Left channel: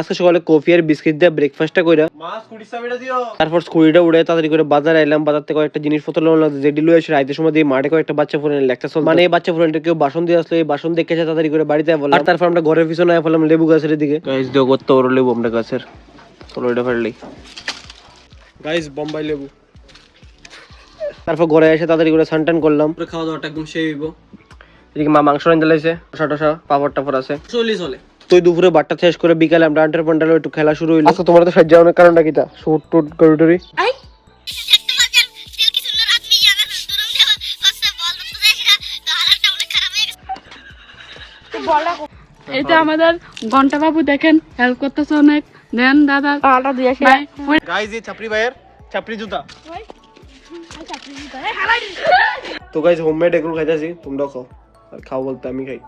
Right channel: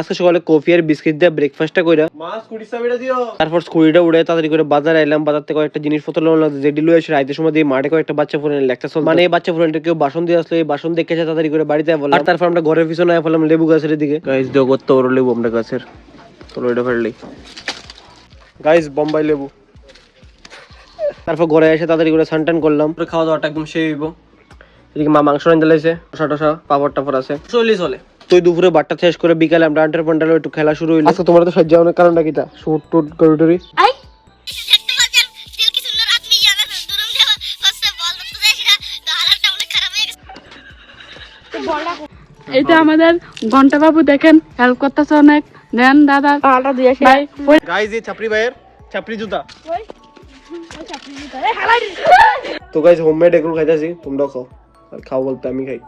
আজকে সকালে কফি আর বিস্কিট দিয়ে ব্রেকফাস্টটা কইরা তারপর স্কুটিটা উড়ে তাড়াতাড়ি করে বাজারে এলাম। বাজার থেকে কয়েকটা জিনিসপত্র নিলাম, যেটি লয়ে এসে রাইতের সময় দিয়ে মাঠে কয়েকটা বাচ্চা ফুলের লেকচার চলছে। মানে এই বাচ্চা ফুলের কেউ বাসন দিয়ে আসলে এই বাসন দেখে তাড়াতাড়ি করে বাড়িতে বললাম। আর তারপর আমরা ঘরের পিছনে ফেললাম লেবু গাছের দিকে। গাইস দেখো কত বড় লেবু আমরা গাছের, চলো এটা ফেললি গাইস বোম্বাই লেবু। তারপর ঘরে এসে তাড়াতাড়ি করে স্নান টান করলাম, খাওয়া দাওয়াটা একদম শেষ হইব। এদিকে মা মাংস রান্না চালাইছে, শসা টসা পাপড় টাপড় আছে, চলে তুই দুপুরে বাট্টা শেষ করে বিকালে আমরা আন্টার পান্টালে একটু খেলা শুরু হইলো। আচ্ছা তোমার তো সাহায্য অনেক কারণটা কিটা শুট টুট গরুটরি এটা আমাদের ঘন্টা বাবু দেখেন হেল্প করতেছে অনেক। দেন দাদা গাইস এই ছাপরি ভাইয়ের ছাপরি জুতা। তো গাইস হোমমেড এগুলো খাইতেছি, তোমরাও খাও, আর খাও বলতে আমি খাই।